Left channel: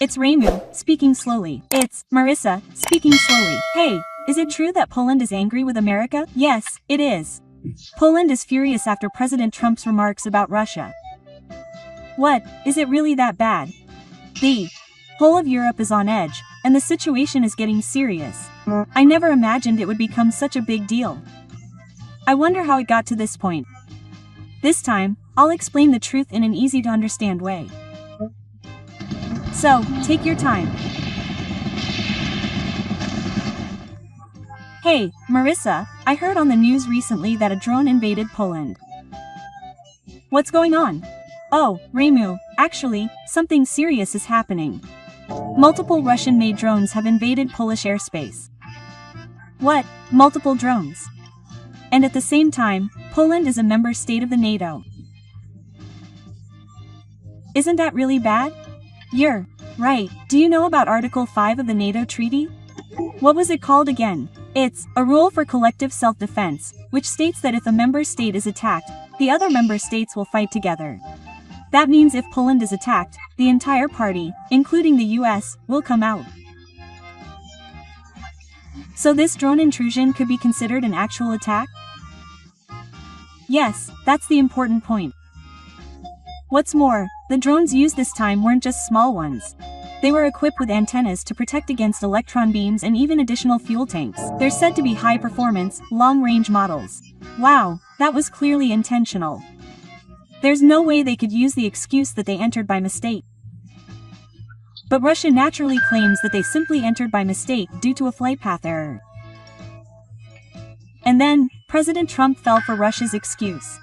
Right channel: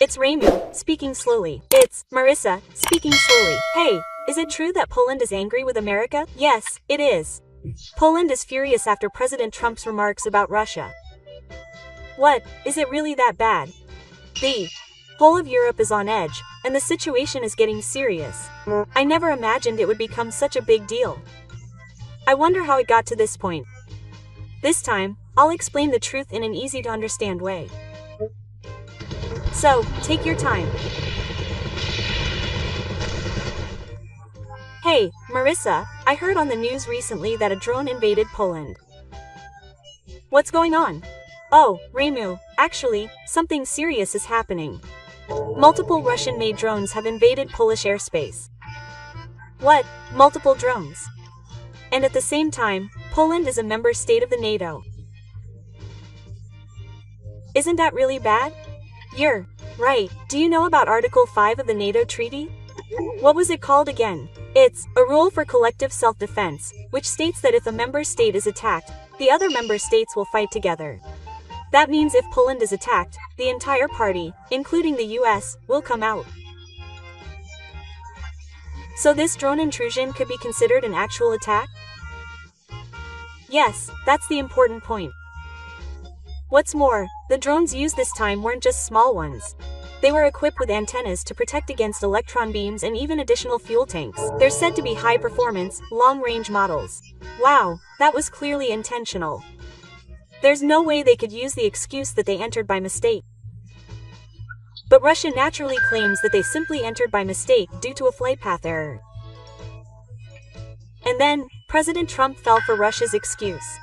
It's Remu, speaking slowly. It's Marissa, speaking slowly. Hey, is it true that Poland is angry with America? Yes, it is. Poland is furious after President Trump's remarks about Russia. What, is it really that bad? The whole of Europe is on edge, and the situation is getting serious. I never imagined it would become such a big deal. I wonder how it got to this point. This time, I'll explain the truth in an easy-to-understand way. So, take your time. Hey, Marissa, I heard on the news recently that a drone invaded Poland. What's going on? Oh, Remu, actually, something serious is happening. Multiple Russian-made drones have invaded Polish airspace. What? Multiple drones? And at the same time, Poland is a member state of the NATO. Isn't that really bad? You're right. Do you know about Article 5 of the NATO treaty? What was it called again? It's a rule for collective self-defense, which states that if a member state is attacked, the other member states will fight together. That means if Poland is attacked, the entire party, including the US, will come out. So this drone intrusion could be considered an actual attack? Yes, that's the important point. What's more, the drones used this time weren't just small ones. They were equipped with antennas to protect against electron beams and even additional fuel tanks. They're said to be high-performance, long-range models. Wow, that was clearly intentional. There's no way they could use the excuse that they entered by mistake. But Russia naturally claims that they simply entered by mistake due to a flight path error. And then, President Trump fell for Russia's excuse.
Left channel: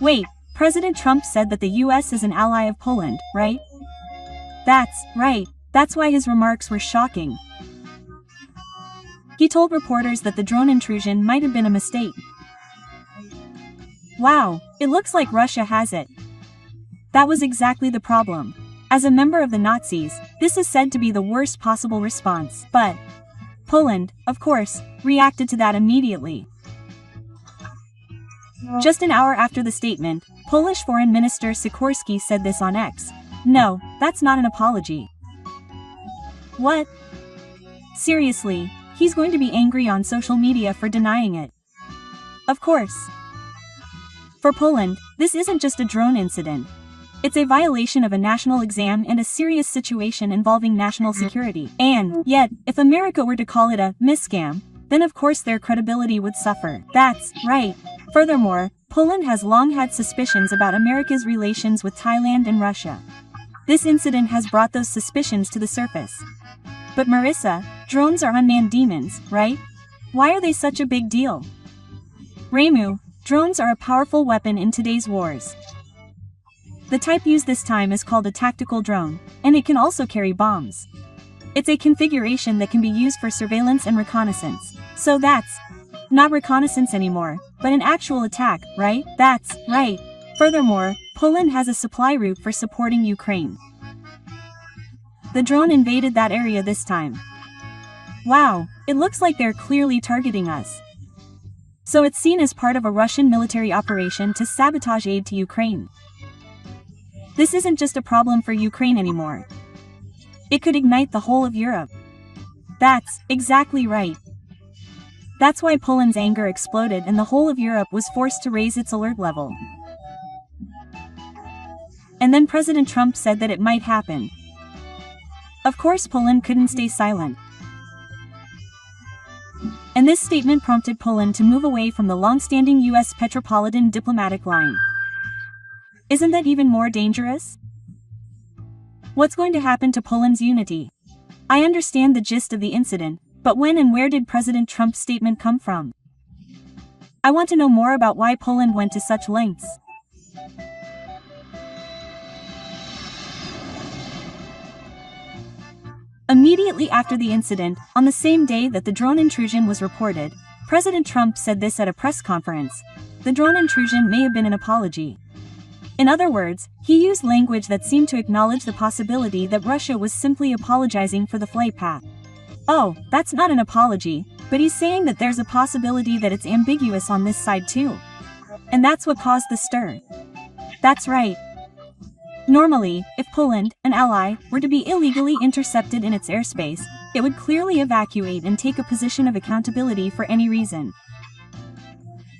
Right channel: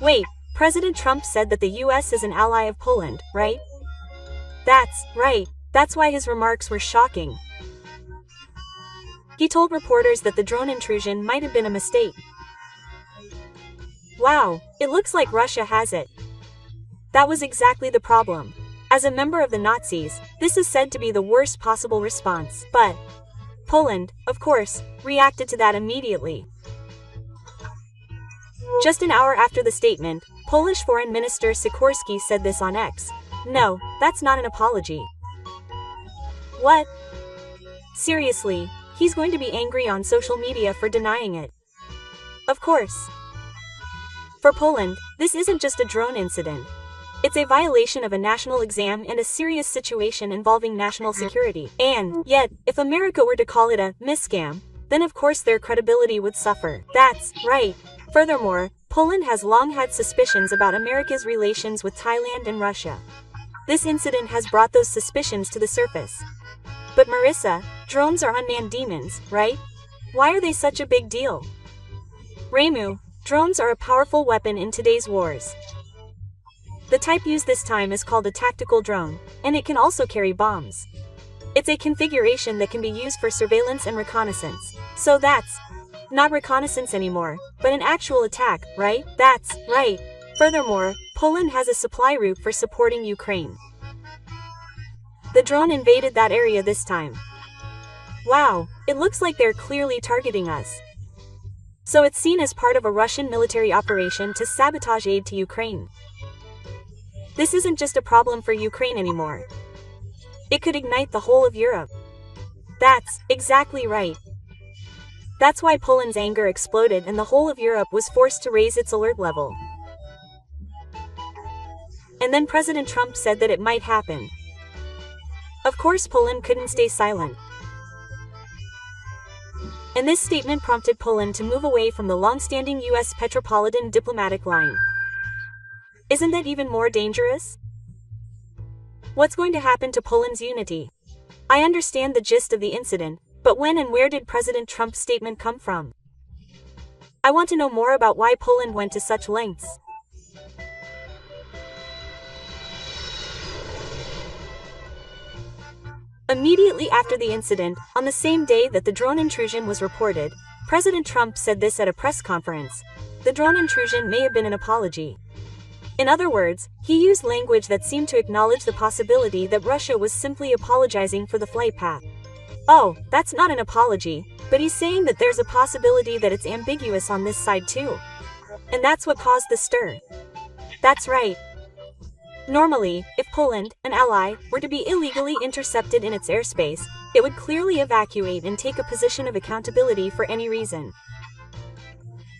Wait, President Trump said that the US is an ally of Poland, right? That's right, that's why his remarks were shocking. He told reporters that the drone intrusion might have been a mistake. Wow, it looks like Russia has it. That was exactly the problem. As a member of the Nazis, this is said to be the worst possible response. But Poland, of course, reacted to that immediately. Just an hour after the statement, Polish Foreign Minister Sikorski said this on X. No, that's not an apology. What? Seriously, he's going to be angry on social media for denying it. Of course. For Poland, this isn't just a drone incident. It's a violation of a national exam and a serious situation involving national security. And yet, if America were to call it a miscam, then of course their credibility would suffer. That's right. Furthermore, Poland has long had suspicions about America's relations with Thailand and Russia. This incident has brought those suspicions to the surface. But Marissa, drones are unmanned demons, right? Why are they such a big deal? Remu, drones are a powerful weapon in today's wars. The type used this time is called a tactical drone, and it can also carry bombs. It's a configuration that can be used for surveillance and reconnaissance. So that's not reconnaissance anymore, but an actual attack, right? That's right. Furthermore, Poland has a supply route for supporting Ukraine. The drone invaded that area this time. Wow, it looks like they're clearly targeting us. So it's seen as part of a Russian military operation to sabotage aid to Ukraine. This isn't just a problem for Ukraine anymore. It could ignite the whole of Europe. That's exactly right. That's why Poland's anger exploded and the whole of Europe was forced to raise its alert level. And then President Trump said that it might happen. Of course Poland couldn't stay silent. And this statement prompted Poland to move away from the long-standing US Metropolitan diplomatic line. Isn't that even more dangerous? What's going to happen to Poland's unity? I understand the gist of the incident, but when and where did President Trump's statement come from? I want to know more about why Poland went to such lengths. Immediately after the incident, on the same day that the drone intrusion was reported, President Trump said this at a press conference. The drone intrusion may have been an apology. In other words, he used language that seemed to acknowledge the possibility that Russia was simply apologizing for the flight path. Oh, that's not an apology, but he's saying that there's a possibility that it's ambiguous on this side too. And that's what caused the stir. That's right. Normally, if Poland, an ally, were to be illegally intercepted in its airspace, it would clearly evacuate and take a position of accountability for any reason.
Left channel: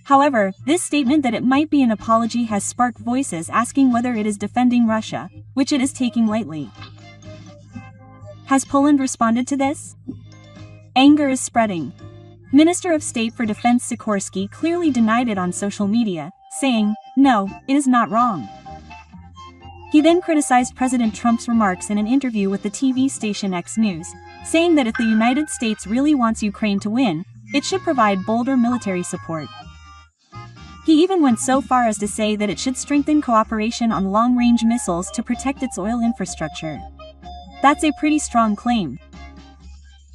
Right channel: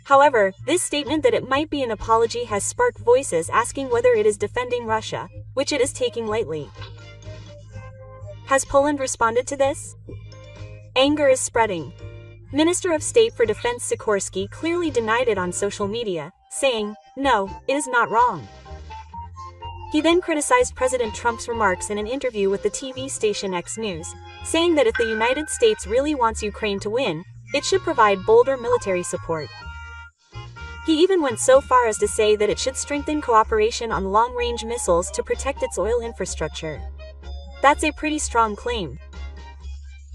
However, this statement that it might be an apology has sparked voices asking whether it is defending Russia, which it is taking lightly. Has Poland responded to this? Anger is spreading. Minister of State for Defense Sikorski clearly denied it on social media, saying, "No, it is not wrong." He then criticized President Trump's remarks in an interview with the TV station X News, saying that if the United States really wants Ukraine to win, it should provide bolder military support. He even went so far as to say that it should strengthen cooperation on long-range missiles to protect its oil infrastructure. That's a pretty strong claim.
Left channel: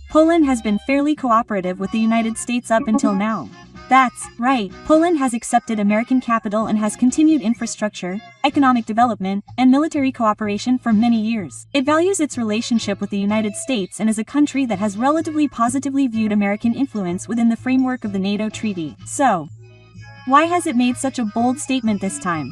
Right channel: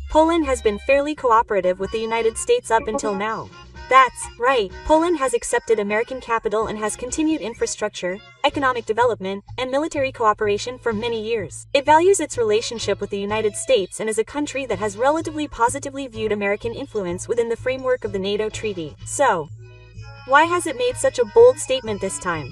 Poland has been fairly cooperative with the United States up until now. That's right, Poland has accepted American capital and has continued infrastructure, economic development, and military cooperation for many years. It values its relationship with the United States and is a country that has relatively positively viewed American influence within the framework of the NATO treaty. So, why has it made such a bold statement this time?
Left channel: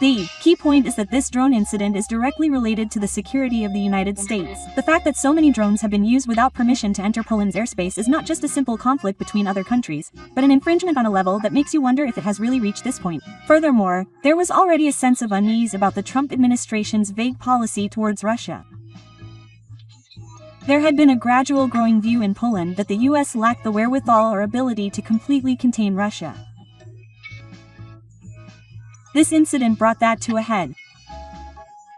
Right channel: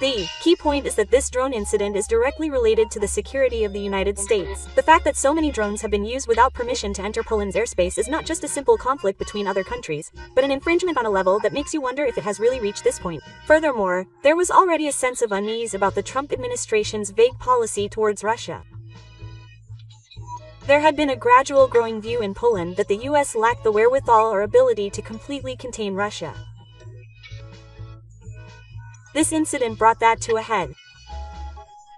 The key point is that this drone incident is directly related to the security of the United States. The fact that so many drones have been used without permission to enter Poland's airspace is not just a simple conflict between other countries, but an infringement on a level that makes you wonder if it has really reached this point. Furthermore, there was already a sense of unease about the Trump administration's vague policy towards Russia. There had been a gradual growing view in Poland that the US lacked the wherewithal or ability to completely contain Russia. This incident brought that to a head.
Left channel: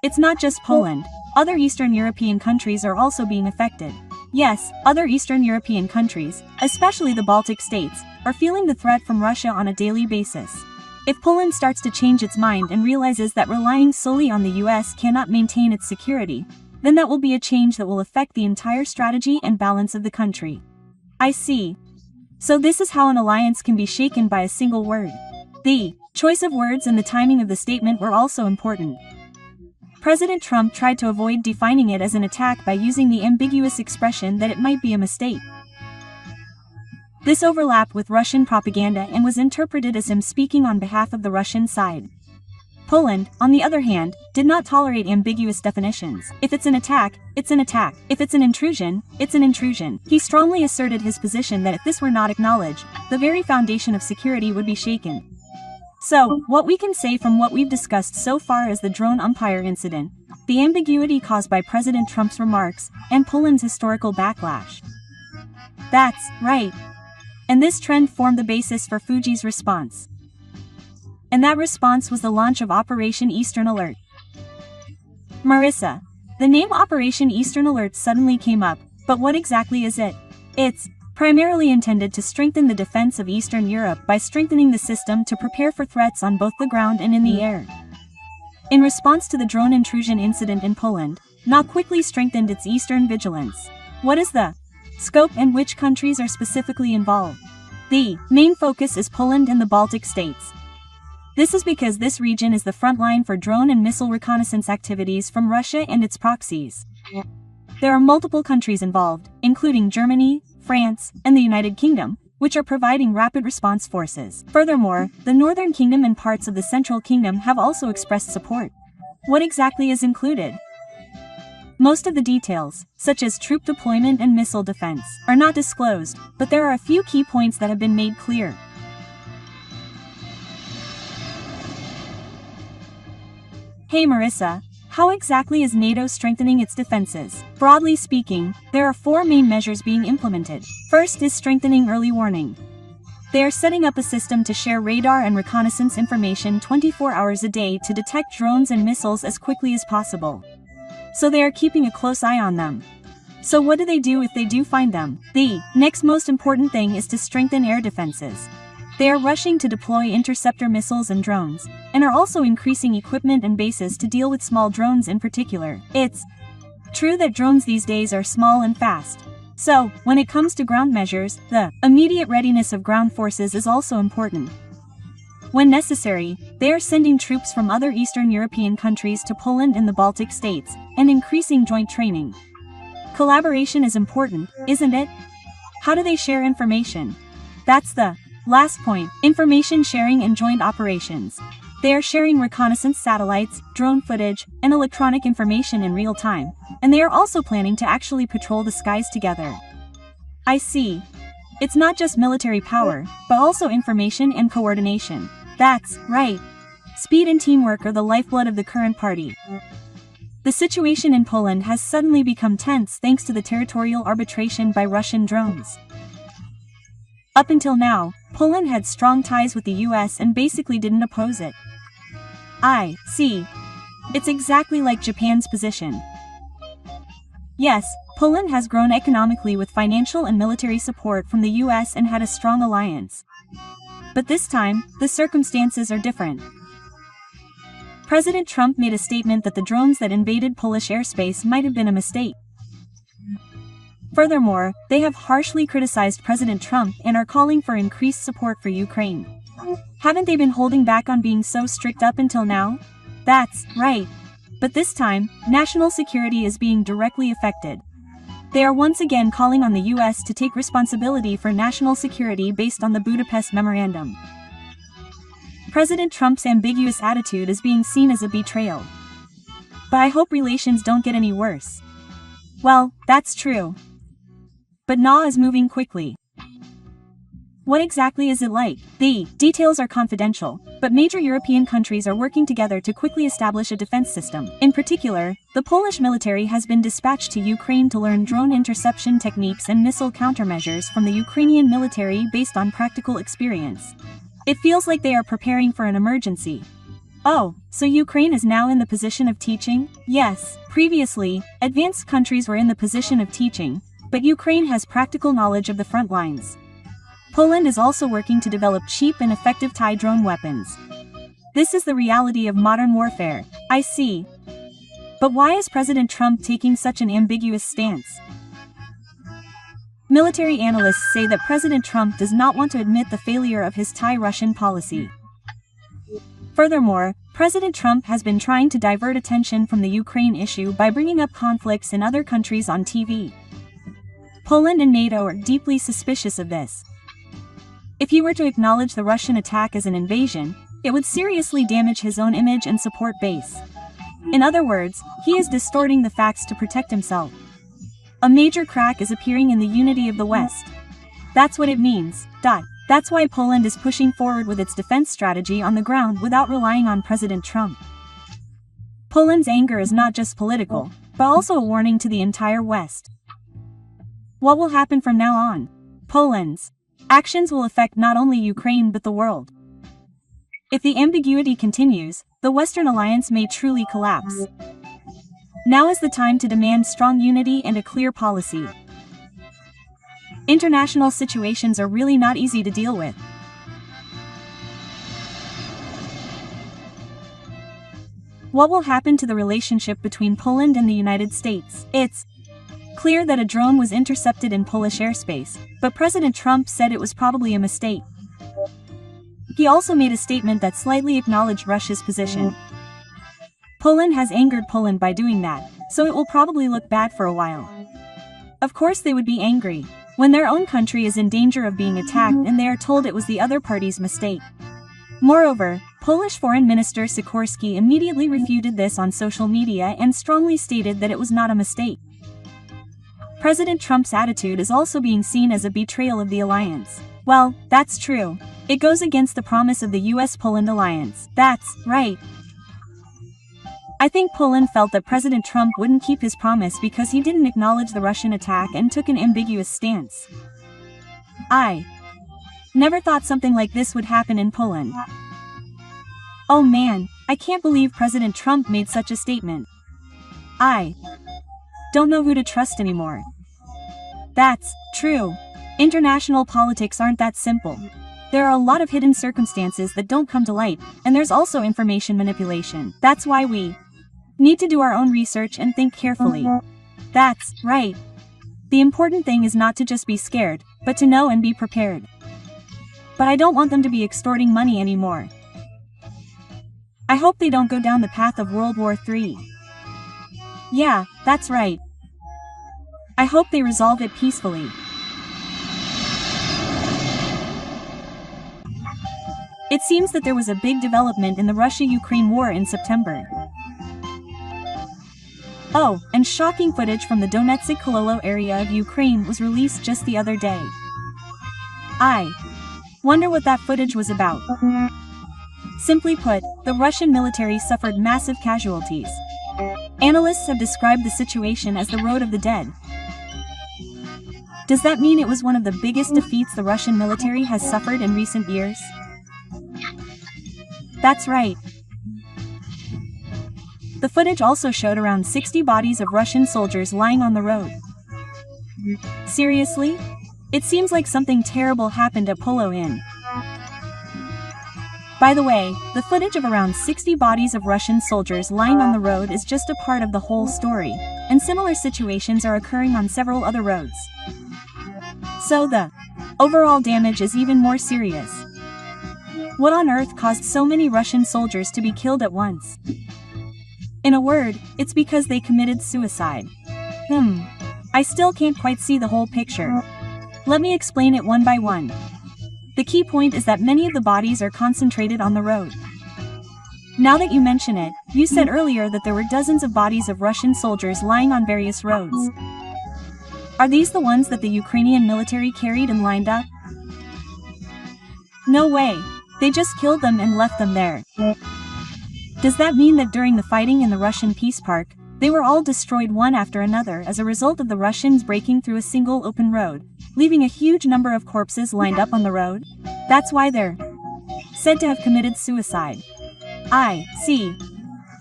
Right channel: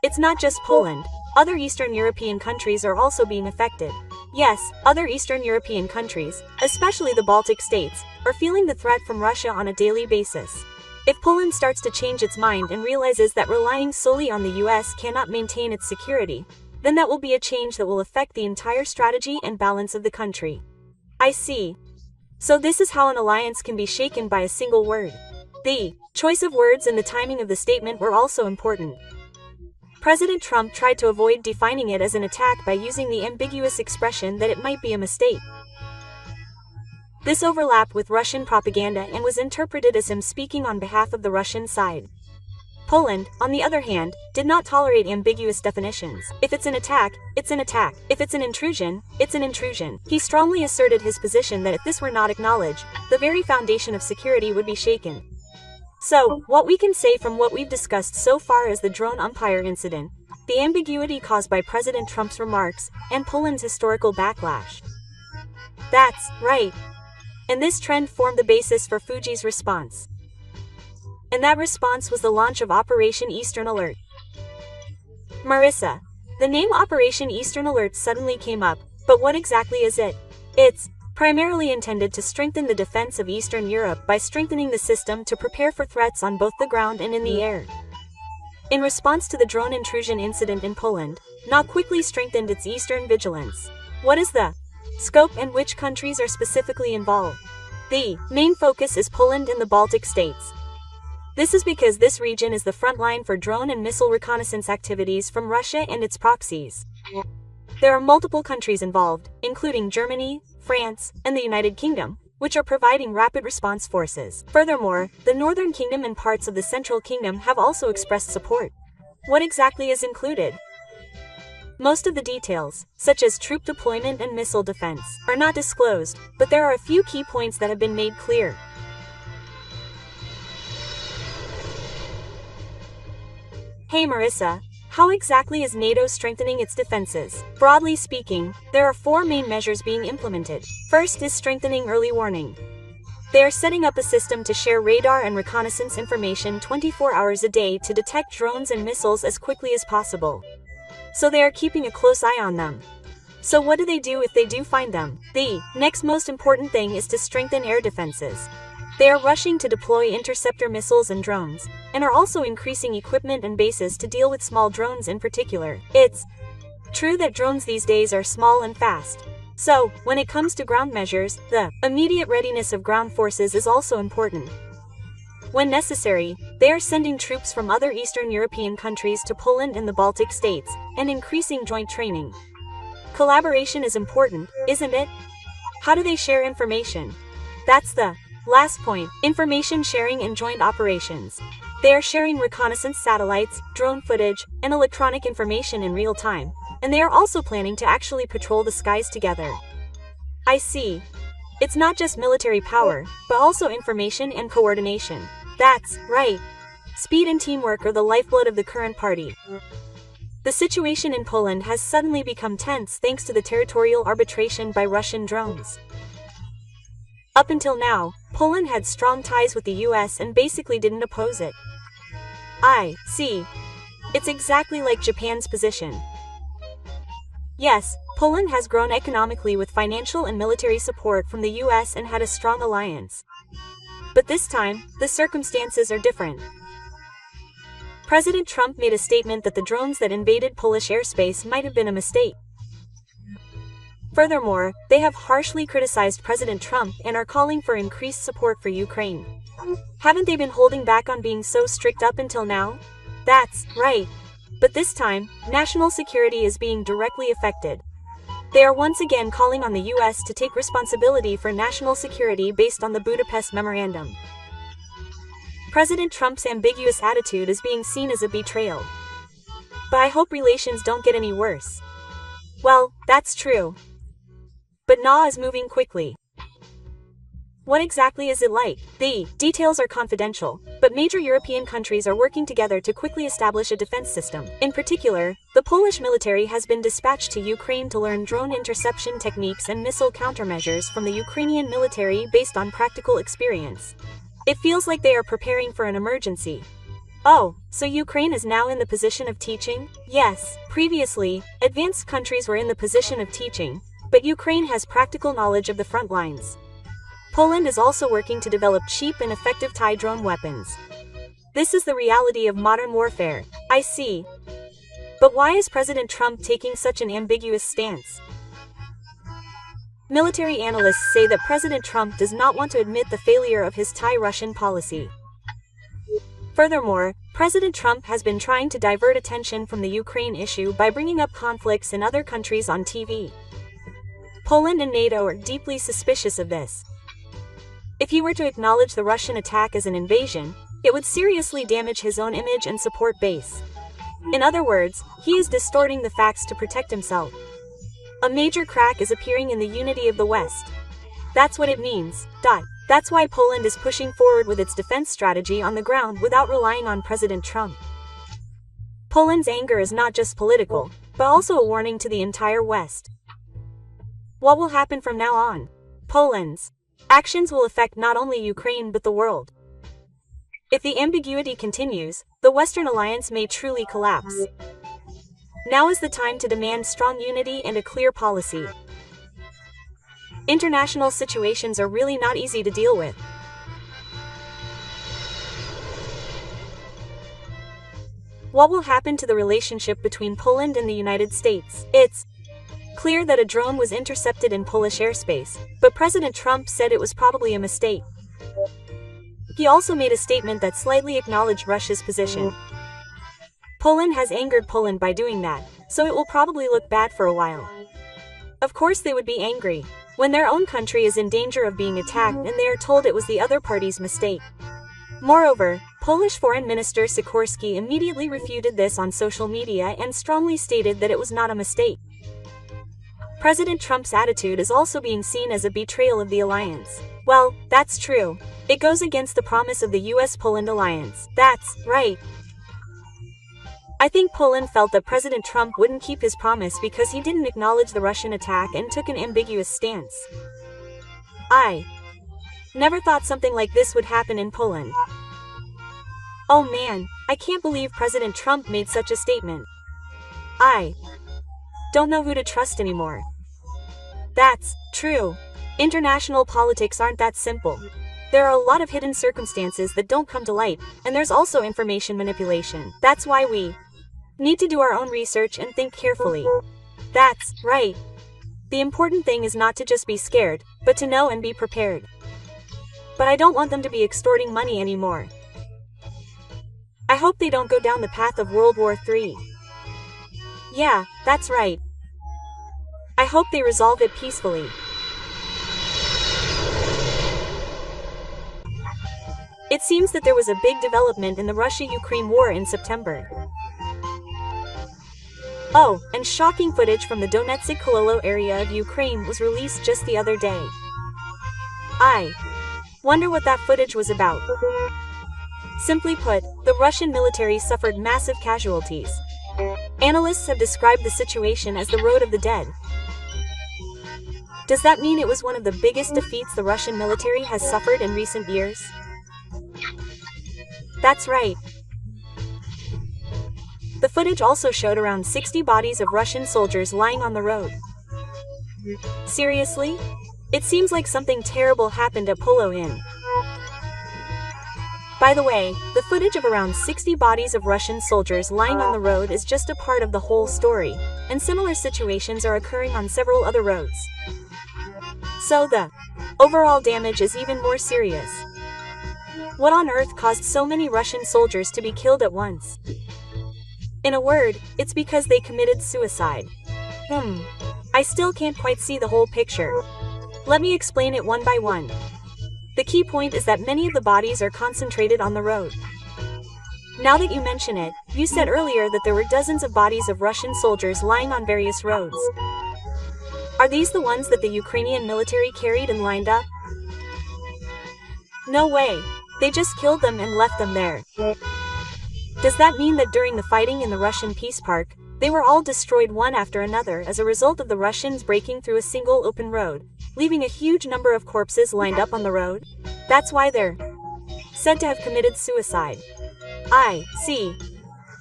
It's not just Poland. Other Eastern European countries are also being affected. Yes, other Eastern European countries, especially the Baltic states, are feeling the threat from Russia on a daily basis. If Poland starts to change its mind and realizes that relying solely on the US cannot maintain its security, then that will be a change that will affect the entire strategy and balance of the country. I see. So this is how an alliance can be shaken by a single word. The choice of words and the timing of the statement were also important. President Trump tried to avoid defining it as an attack by using the ambiguous expression that it might be a mistake. This overlapped with Russian propaganda and was interpreted as him speaking on behalf of the Russian side. Poland, on the other hand, did not tolerate ambiguous definitions. If it's an attack, it's an attack. If it's an intrusion, it's an intrusion. He strongly asserted his position that if this were not acknowledged, the very foundation of security would be shaken. So, what we can say from what we've discussed so far is the drone umpire incident, the ambiguity caused by President Trump's remarks, and Poland's historical backlash. That's right. And this trend formed the basis for Fuji's response. And that response was the launch of Operation Eastern Alert. Marissa, the name Operation Eastern Alert suddenly came up, but what exactly is it? It's primarily intended to strengthen the defense of Eastern Europe by strengthening the system to prepare for threats on both the ground and in the air. In response to the drone intrusion incident in Poland, NATO quickly strengthened its eastern vigilance. What is the scope and which countries are specifically involved? The main focus is Poland and the Baltic states. This is because this region is the front line for drone and missile reconnaissance activities from Russia and its proxies. There are multiple countries involved, including Germany, France, and the United Kingdom, which are providing rapid response forces. Furthermore, the Northern Kingdom and parts of the Central Kingdom have also expressed support. What exactly is included? Most of the details, such as troop deployment and missile defense, are not disclosed, but there are a few key points that have been made clear. Hey Marissa, how exactly is NATO strengthening its defenses? Broadly speaking, there are 4 main measures being implemented. First is strengthening early warning. They are setting up a system to share radar and reconnaissance information 24 hours a day to detect drones and missiles as quickly as possible. So they are keeping a close eye on them. So what do they do if they do find them? The next most important thing is to strengthen air defenses. They are rushing to deploy interceptor missiles and drones, and are also increasing equipment and bases to deal with small drones in particular. It's true that drones these days are small and fast. So, when it comes to ground measures, the immediate readiness of ground forces is also important. When necessary, they are sending troops from other Eastern European countries to Poland and the Baltic states, and increasing joint training. Collaboration is important, isn't it? How do they share information? That's the last point, information sharing and joint operations. They are sharing reconnaissance satellites, drone footage, and electronic information in real time, and they are also planning to actually patrol the skies together. I see. It's not just military power, but also information and coordination. That's right. Speed and teamwork are the lifeblood of the current party. The situation in Poland has suddenly become tense thanks to the territorial arbitration by Russian drones. Up until now, Poland had strong ties with the US and basically didn't oppose it. I see. It's exactly like Japan's position. Yes, Poland has grown economically with financial and military support from the US and had a strong alliance. But this time, the circumstances are different. President Trump made a statement that the drones that invaded Polish airspace might have been a mistake. Furthermore, they have harshly criticized President Trump and are calling for increased support for Ukraine. Haven't they been holding back on being so strict up until now? That's right. But this time, national security is being directly affected. They are once again calling on the US to take responsibility for national security based on the Budapest Memorandum. President Trump's ambiguous attitude is being seen as a betrayal. But I hope relations don't get any worse. Well, that's true. But Na is moving quickly. What exactly is it like? The details are confidential, but major European countries are working together to quickly establish a defense system. In particular, the Polish military has been dispatched to Ukraine to learn drone interception techniques and missile countermeasures from the Ukrainian military based on practical experience. It feels like they are preparing for an emergency. Oh, so Ukraine is now in the position of teaching? Yes, previously, advanced countries were in the position of teaching, but Ukraine has practical knowledge of the front lines. Poland is also working to develop cheap and effective anti-drone weapons. This is the reality of modern warfare. I see. But why is President Trump taking such an ambiguous stance? Military analysts say that President Trump does not want to admit the failure of his anti-Russian policy. Furthermore, President Trump has been trying to divert attention from the Ukraine issue by bringing up conflicts in other countries on TV. Poland and NATO are deeply suspicious of this. If he were to acknowledge the Russian attack as an invasion, it would seriously damage his own image and support base. In other words, he is distorting the facts to protect himself. A major crack is appearing in the unity of the West. That's what it means. That's why Poland is pushing forward with its defense strategy on the ground without relying on President Trump. Poland's anger is not just political, but also a warning to the entire West. What will happen from now on? Poland's actions will affect not only Ukraine but the world. If the ambiguity continues, the Western alliance may truly collapse. Now is the time to demand strong unity and a clear policy. International situations are really not easy to deal with. What will happen to the relationship between Poland and the United States? It's clear that a drone was intercepted in Polish airspace, but President Trump said it was probably a mistake. He also made a statement that slightly acknowledged Russia's position. Poland has angered Poland by doing that, so it will probably look bad for a while. Of course they would be angry when their own country is in danger of being attacked and they are told it was the other party's mistake. Moreover, Polish Foreign Minister Sikorski immediately refuted this on social media and strongly stated that it was not a mistake. President Trump's attitude is also being seen as a betrayal of the alliance. Well, that's true. It goes against the promise of the US-Poland alliance. That's right. I think Poland felt that President Trump wouldn't keep his promise because he didn't acknowledge the Russian attack and took an ambiguous stance. I never thought something like this would happen in Poland. Oh man, I can't believe President Trump made such a statement. I don't know who to trust anymore. That's true. International politics aren't that simple. There are a lot of hidden circumstances that don't come to light, and there's also information manipulation. That's why we need to do our own research and think carefully. That's right. The important thing is not to just be scared, but to know and be prepared. But I don't want them to be extorting money anymore. I hope they don't go down the path of World War III. Yeah, that's right. I hope they resolve it peacefully. It seems that there was a big development in the Russia-Ukraine war in September. Oh, and shocking footage from the Donetsk-Kololo area of Ukraine was released just the other day. I wonder what that footage was about. Simply put, the Russian military suffered massive casualties. Analysts have described the situation as the road of the dead. Does that mean it was one of the biggest defeats the Russian military has suffered in recent years? That's right. The footage also showed around 60 bodies of Russian soldiers lying on the road. Seriously? It seems like something terrible happened at Polo Inn. By the way, the footage of around 60 bodies of Russian soldiers lying on the road is just a part of the whole story, and similar situations are occurring on several other roads. So the overall damage is even more serious. What on earth caused so many Russian soldiers to be killed at once? In a word, it's because they committed suicide. I still can't quite see the whole picture. Let me explain it one by one. The key point is that many of the bodies are concentrated on the road. Now that you mention it, you said earlier that there were dozens of bodies of Russian soldiers lying on various roads. Are these the ones that the Ukrainian military carried and lined up? No way. They just killed them and left them there. Does that mean that during the fighting in the Russian peace park, they were all destroyed one after another as a result of the Russians breaking through a single open road, leaving a huge number of corpses lined up on the road? That's why they're said to have committed suicide. I see.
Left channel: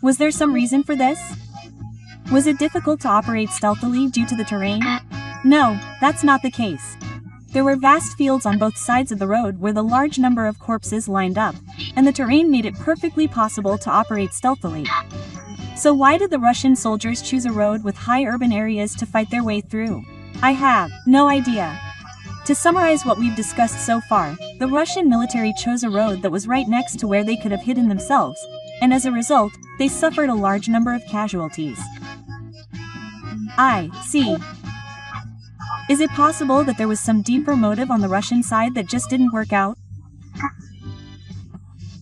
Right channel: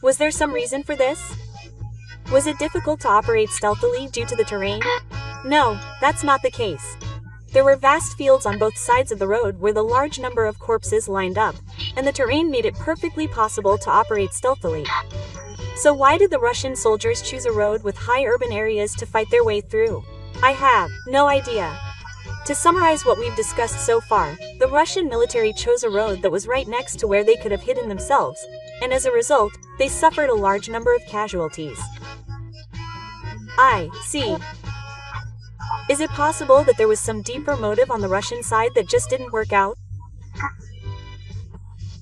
Was there some reason for this? Was it difficult to operate stealthily due to the terrain? No, that's not the case. There were vast fields on both sides of the road where the large number of corpses lined up, and the terrain made it perfectly possible to operate stealthily. So why did the Russian soldiers choose a road with high urban areas to fight their way through? I have no idea. To summarize what we've discussed so far, the Russian military chose a road that was right next to where they could have hidden themselves, and as a result, they suffered a large number of casualties. I see. Is it possible that there was some deeper motive on the Russian side that just didn't work out?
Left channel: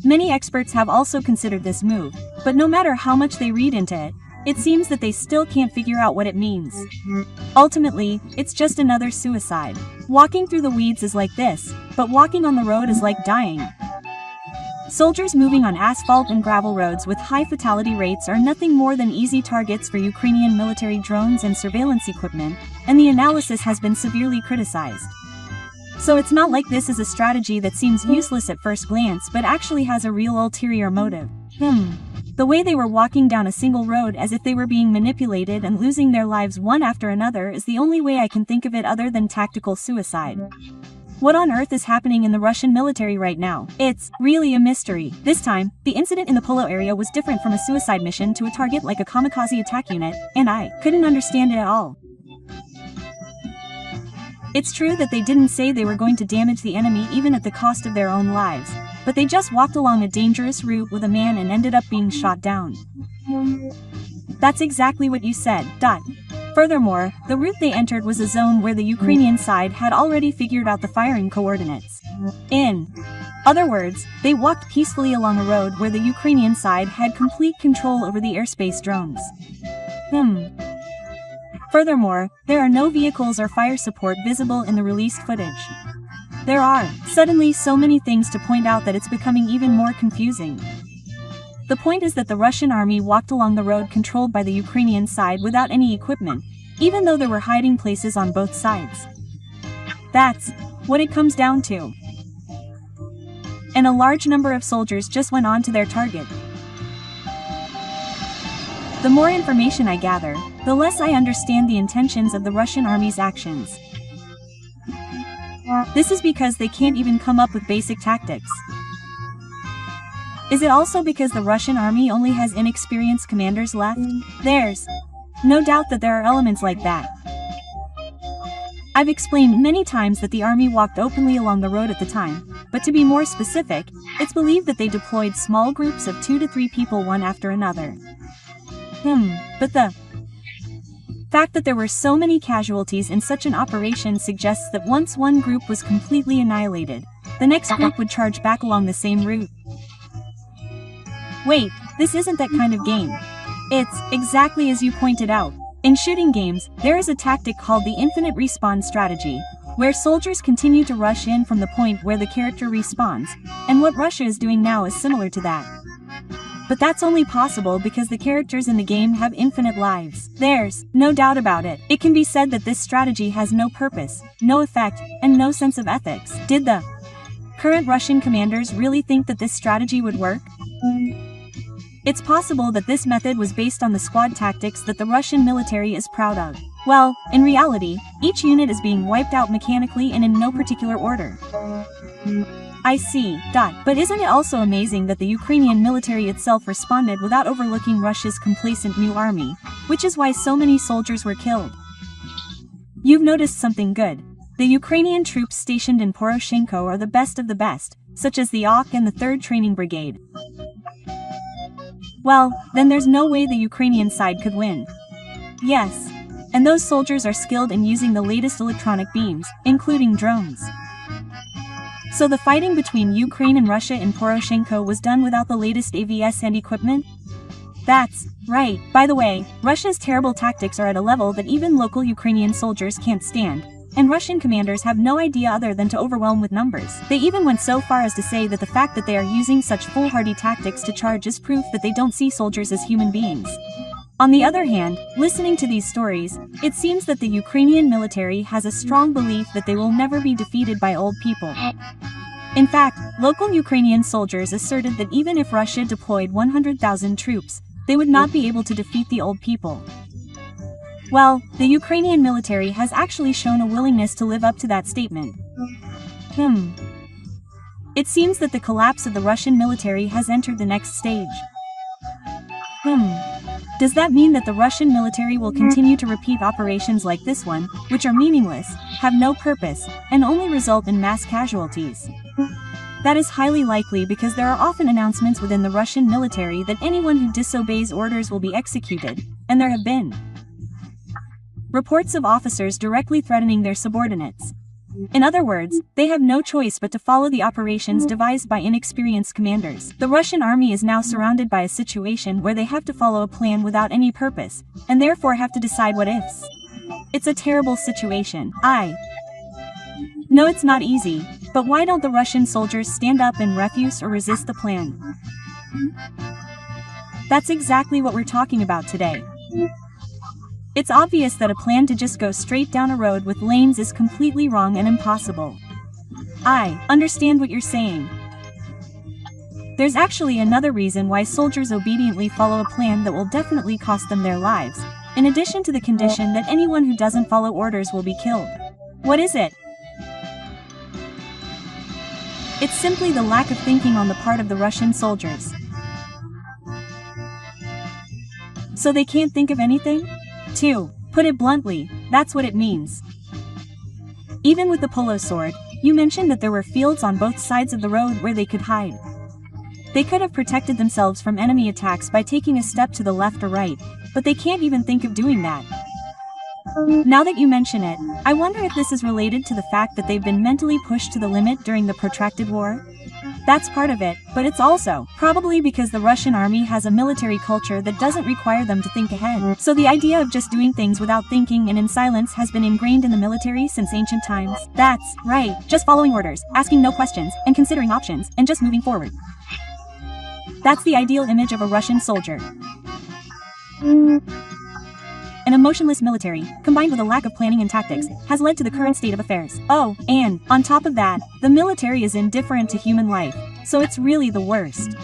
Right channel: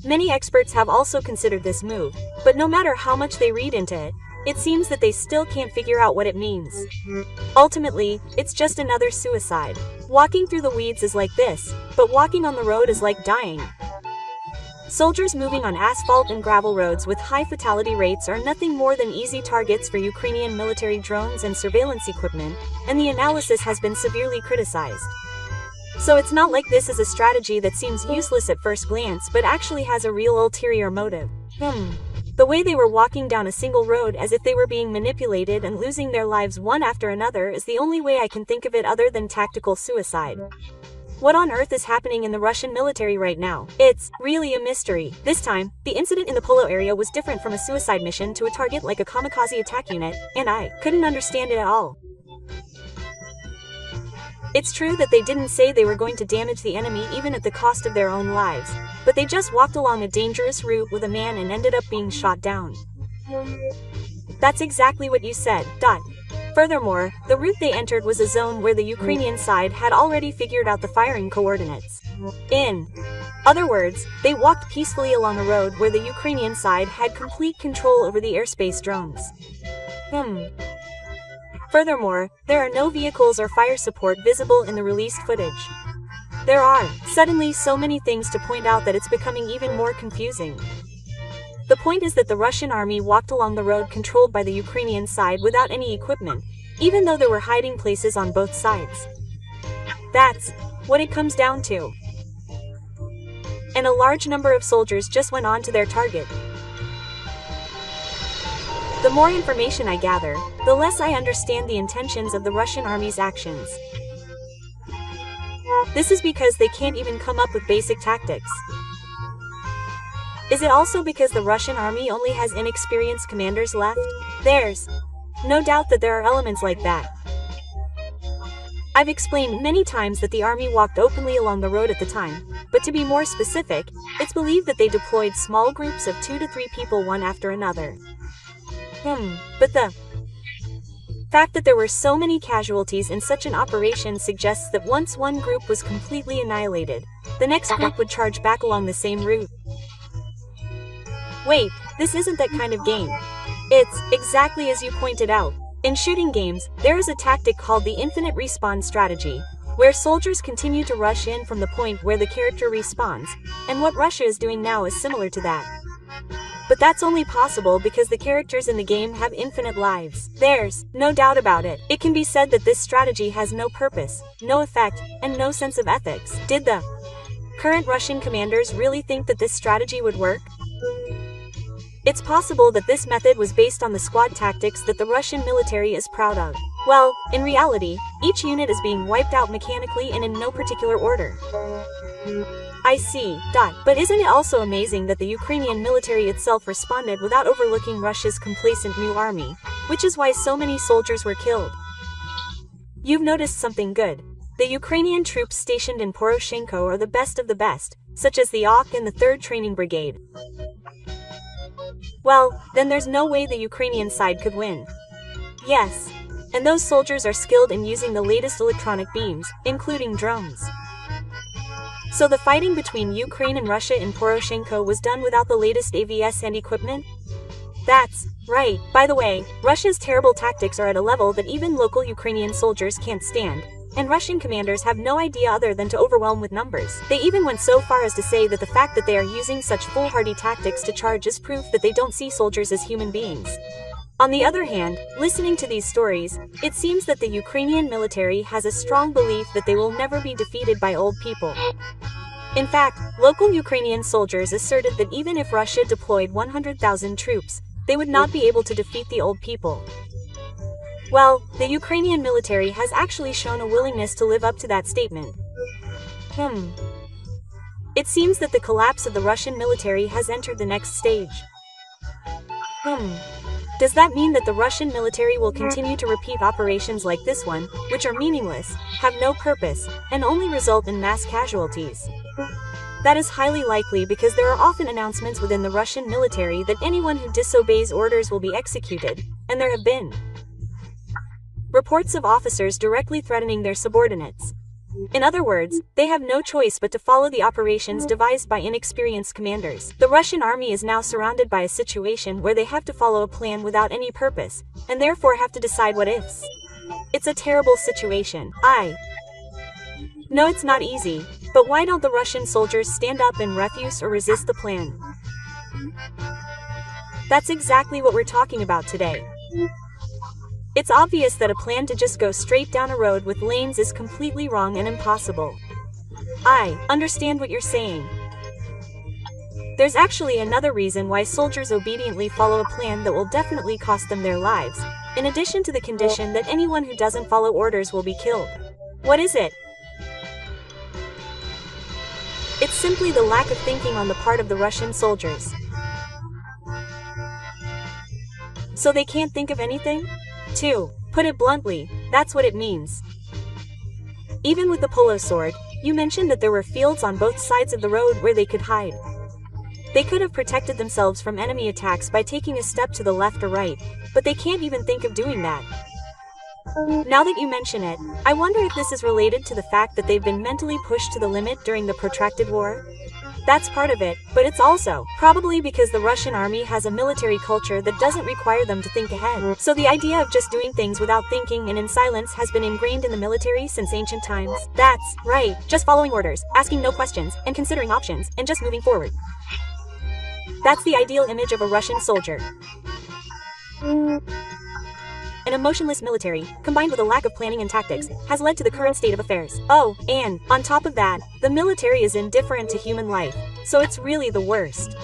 Many experts have also considered this move, but no matter how much they read into it, it seems that they still can't figure out what it means. Ultimately, it's just another suicide. Walking through the weeds is like this, but walking on the road is like dying. Soldiers moving on asphalt and gravel roads with high fatality rates are nothing more than easy targets for Ukrainian military drones and surveillance equipment, and the analysis has been severely criticized. So it's not like this is a strategy that seems useless at first glance but actually has a real ulterior motive. The way they were walking down a single road as if they were being manipulated and losing their lives one after another is the only way I can think of it other than tactical suicide. What on earth is happening in the Russian military right now? It's really a mystery. This time, the incident in the Polo area was different from a suicide mission to a target like a kamikaze attack unit, and I couldn't understand it at all. It's true that they didn't say they were going to damage the enemy even at the cost of their own lives, but they just walked along a dangerous route with a man and ended up being shot down. That's exactly what you said. Furthermore, the route they entered was a zone where the Ukrainian side had already figured out the firing coordinates. In other words, they walked peacefully along a road where the Ukrainian side had complete control over the airspace drones. Furthermore, there are no vehicles or fire support visible in the released footage. There are suddenly so many things to point out that it's becoming even more confusing. The point is that the Russian army walked along the road controlled by the Ukrainian side without any equipment, even though there were hiding places on both sides. That's what it comes down to. And a large number of soldiers just went on to their target. The more information I gather, the less I understand the intentions of the Russian army's actions. This is because they can't even come up with basic tactics. Is it also because the Russian army only has inexperienced commanders left? There's no doubt that there are elements like that. I've explained many times that the army walked openly along the road at the time, but to be more specific, it's believed that they deployed small groups of 2 to 3 people one after another. But the fact that there were so many casualties in such an operation suggests that once one group was completely annihilated, the next group would charge back along the same route. Wait, this isn't that kind of game. It's exactly as you pointed out. In shooting games, there is a tactic called the infinite respawn strategy, where soldiers continue to rush in from the point where the character respawns, and what Russia is doing now is similar to that. But that's only possible because the characters in the game have infinite lives. There's no doubt about it. It can be said that this strategy has no purpose, no effect, and no sense of ethics. Did the current Russian commanders really think that this strategy would work? It's possible that this method was based on the squad tactics that the Russian military is proud of. Well, in reality, each unit is being wiped out mechanically and in no particular order. I see. But isn't it also amazing that the Ukrainian military itself responded without overlooking Russia's complacent new army, which is why so many soldiers were killed? You've noticed something good. The Ukrainian troops stationed in Poroshenko are the best of the best, such as the OK and the 3rd Training Brigade. Well, then there's no way the Ukrainian side could win. Yes. And those soldiers are skilled in using the latest electronic beams, including drones. So the fighting between Ukraine and Russia in Poroshenko was done without the latest AVS and equipment? That's right. By the way, Russia's terrible tactics are at a level that even local Ukrainian soldiers can't stand, and Russian commanders have no idea other than to overwhelm with numbers. They even went so far as to say that the fact that they are using such foolhardy tactics to charge is proof that they don't see soldiers as human beings. On the other hand, listening to these stories, it seems that the Ukrainian military has a strong belief that they will never be defeated by old people. In fact, local Ukrainian soldiers asserted that even if Russia deployed 100,000 troops, they would not be able to defeat the old people. Well, the Ukrainian military has actually shown a willingness to live up to that statement. It seems that the collapse of the Russian military has entered the next stage. Does that mean that the Russian military will continue to repeat operations like this one, which are meaningless, have no purpose, and only result in mass casualties? That is highly likely because there are often announcements within the Russian military that anyone who disobeys orders will be executed, and there have been reports of officers directly threatening their subordinates. In other words, they have no choice but to follow the operations devised by inexperienced commanders. The Russian army is now surrounded by a situation where they have to follow a plan without any purpose, and therefore have to decide what ifs. It's a terrible situation. No, it's not easy, but why don't the Russian soldiers stand up and refuse or resist the plan? That's exactly what we're talking about today. It's obvious that a plan to just go straight down a road with lanes is completely wrong and impossible. I understand what you're saying. There's actually another reason why soldiers obediently follow a plan that will definitely cost them their lives, in addition to the condition that anyone who doesn't follow orders will be killed. What is it? It's simply the lack of thinking on the part of the Russian soldiers. So they can't think of anything? To put it bluntly, that's what it means. Even with the polo sword, you mentioned that there were fields on both sides of the road where they could hide. They could have protected themselves from enemy attacks by taking a step to the left or right, but they can't even think of doing that. Now that you mention it, I wonder if this is related to the fact that they've been mentally pushed to the limit during the protracted war? That's part of it, but it's also probably because the Russian army has a military culture that doesn't require them to think ahead. So the idea of just doing things without thinking and in silence has been ingrained in the military since ancient times. That's right, just following orders, asking no questions, and considering options, and just moving forward. That's the ideal image of a Russian soldier. An emotionless military, combined with a lack of planning and tactics, has led to the current state of affairs. Oh, and, on top of that, the military is indifferent to human life, so it's really the worst.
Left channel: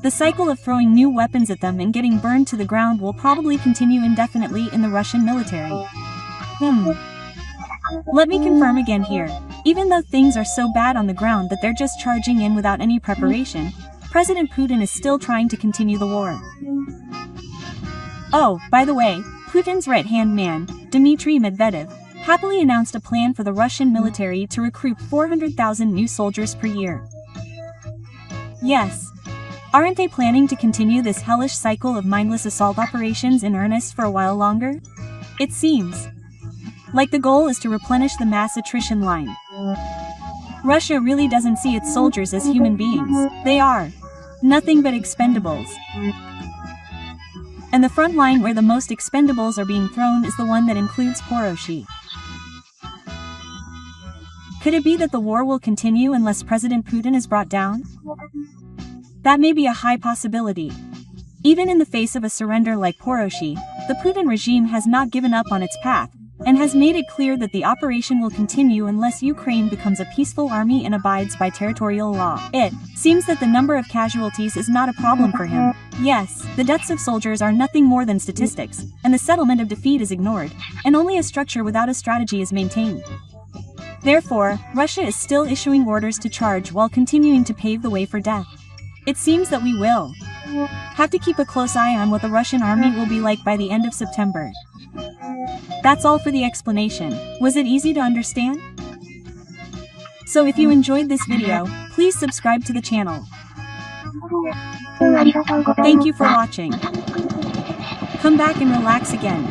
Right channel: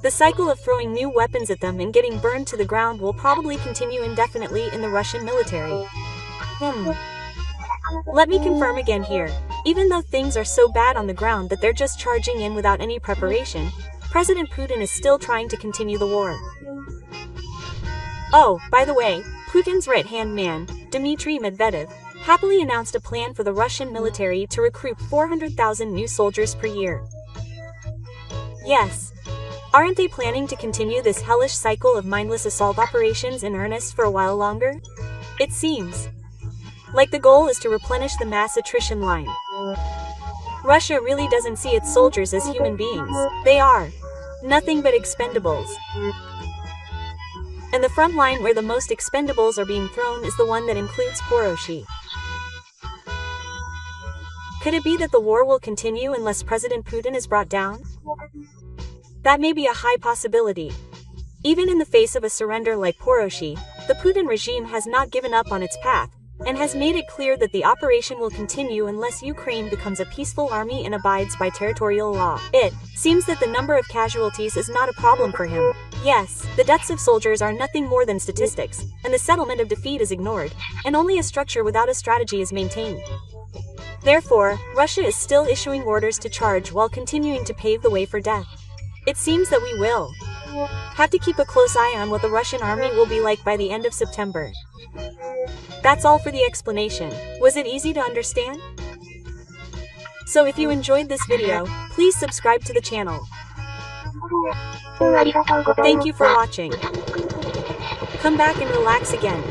The cycle of throwing new weapons at them and getting burned to the ground will probably continue indefinitely in the Russian military. Let me confirm again here. Even though things are so bad on the ground that they're just charging in without any preparation, President Putin is still trying to continue the war. Oh, by the way, Putin's right-hand man, Dmitry Medvedev, happily announced a plan for the Russian military to recruit 400,000 new soldiers per year. Yes. Aren't they planning to continue this hellish cycle of mindless assault operations in earnest for a while longer? It seems like the goal is to replenish the mass attrition line. Russia really doesn't see its soldiers as human beings. They are nothing but expendables. And the front line where the most expendables are being thrown is the one that includes Poroshi. Could it be that the war will continue unless President Putin is brought down? That may be a high possibility. Even in the face of a surrender like Poroshi, the Putin regime has not given up on its path, and has made it clear that the operation will continue unless Ukraine becomes a peaceful army and abides by territorial law. It seems that the number of casualties is not a problem for him. Yes, the deaths of soldiers are nothing more than statistics, and the settlement of defeat is ignored, and only a structure without a strategy is maintained. Therefore, Russia is still issuing orders to charge while continuing to pave the way for death. It seems that we will have to keep a close eye on what the Russian army will be like by the end of September. That's all for the explanation. Was it easy to understand? So if you enjoyed this video, please subscribe to the channel. Thank you for watching. Come back and relax again.